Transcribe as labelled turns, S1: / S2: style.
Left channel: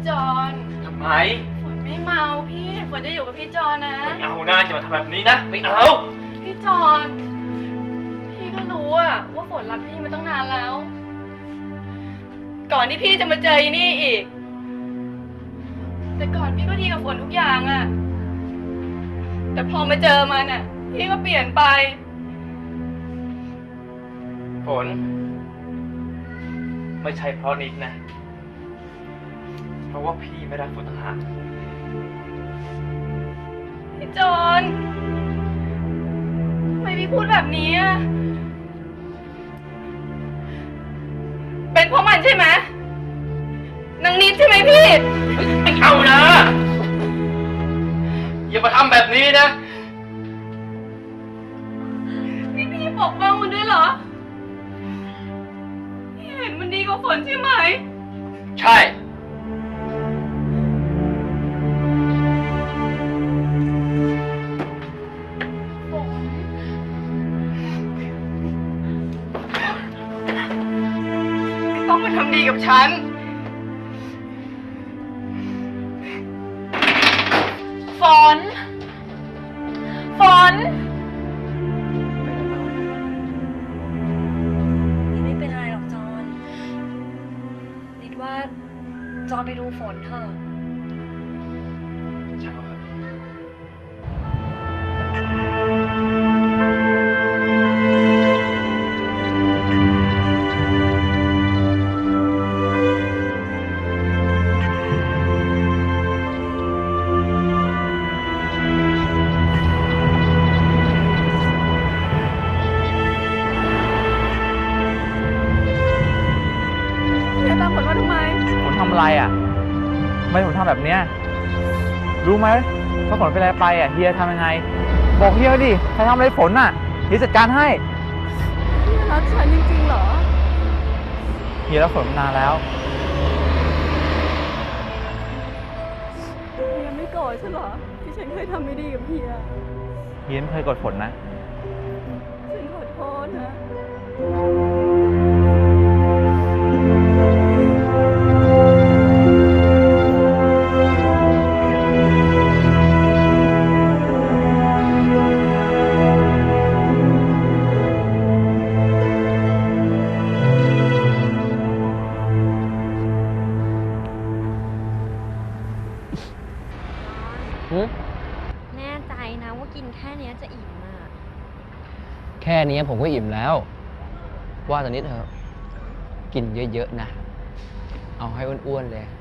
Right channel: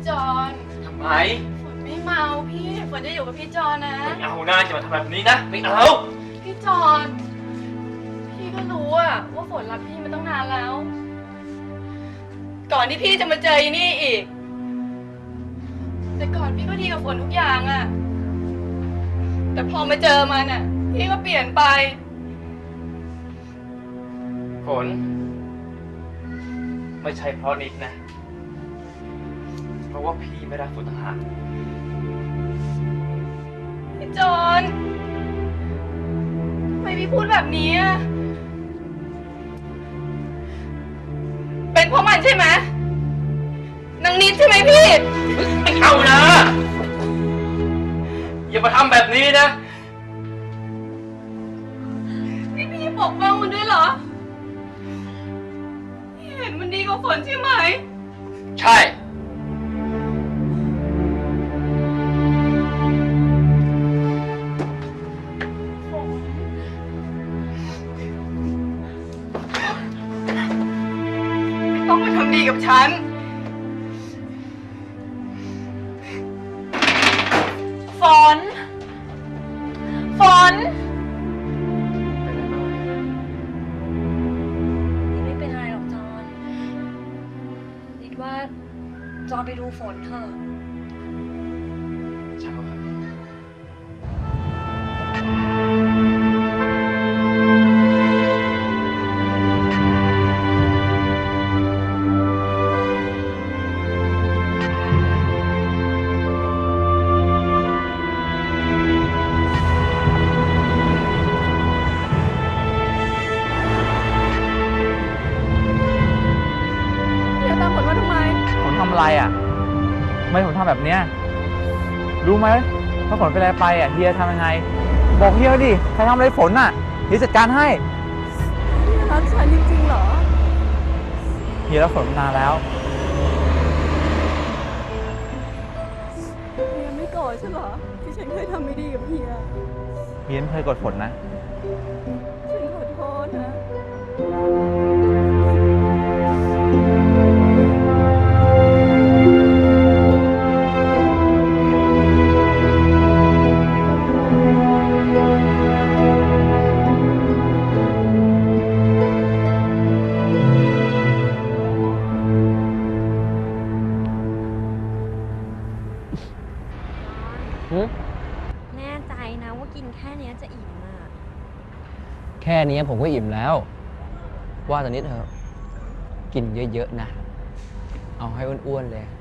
S1: จอน
S2: ทำไม
S1: ฝนไม่เมาพี่ฝนจะอยู่กับพี่จอนนะ
S2: ไม่เอานะจะมาทำแบบนี้นะไม่เอา
S1: พี่จอนพี่ก็รู้อะว่าฝนรักพี่มาตั้งนานแล้ว ก่อนที่พี่จะมาเจออีนี่อีกแต่ก่อนพี่ก็ดีกับฝนทุกอย่างอะแต่พอมาเจอมันอะพี่ก็เปลี่ยนไป
S2: ฝนไม่ใช่เพราะนิดนะเพราะว่าพี่ไม่รักฝนต่างหาก
S1: พี่จอนทำไมพี่พูดแบบนี้อะเป็นเพราะมันใช่ไหมนางนิดใช่ไหมพี่
S2: ไม่เอานะอย่ามาทำแบบนี้นะ
S1: พี่ปกป้องมันด้วยเหรอพี่เห็นมันดีกว่าฝนใช่ไหม
S2: ใช่
S1: ฝนไม่ต้องมาทำดีกับฉันฝน
S2: เป็นอะไรบ้าง
S3: นิดไม่เป็นอะไรหรอกจอนนิดว่าจอนไปดูฝนเถอะ
S2: ช่างเขาเถอะ
S1: พี่จะตามฝนมาทำไม
S4: ฝนทำอะไรอ่ะทำไมผมทำแบบเนี้ยรู้ไหมถ้าฝนเป็นอะไรไปอ่ะเฮียทำยังไงบอกเฮียดิใครทำอะไรฝนอ่ะเฮียจัดการให้
S1: เฮียรักฉันจริงๆเหรอ
S4: เฮียรักฝนมานานแล้ว
S1: เฮียไม่โกรธฉันเหรอที่ฉันเคยทำไม่ดีกับเฮีย
S4: เฮียไม่เคยกดฝนนะ
S1: ฉันขอโทษนะ
S3: แน่ใจนะว่ากินแค่นี้จะอิ่มอ่ะ
S5: แค่นี้ผมก็อิ่มแล้ว ว่าตอนนี้เถอะกินเยอะๆนะ เอาให้อ้วนๆเลย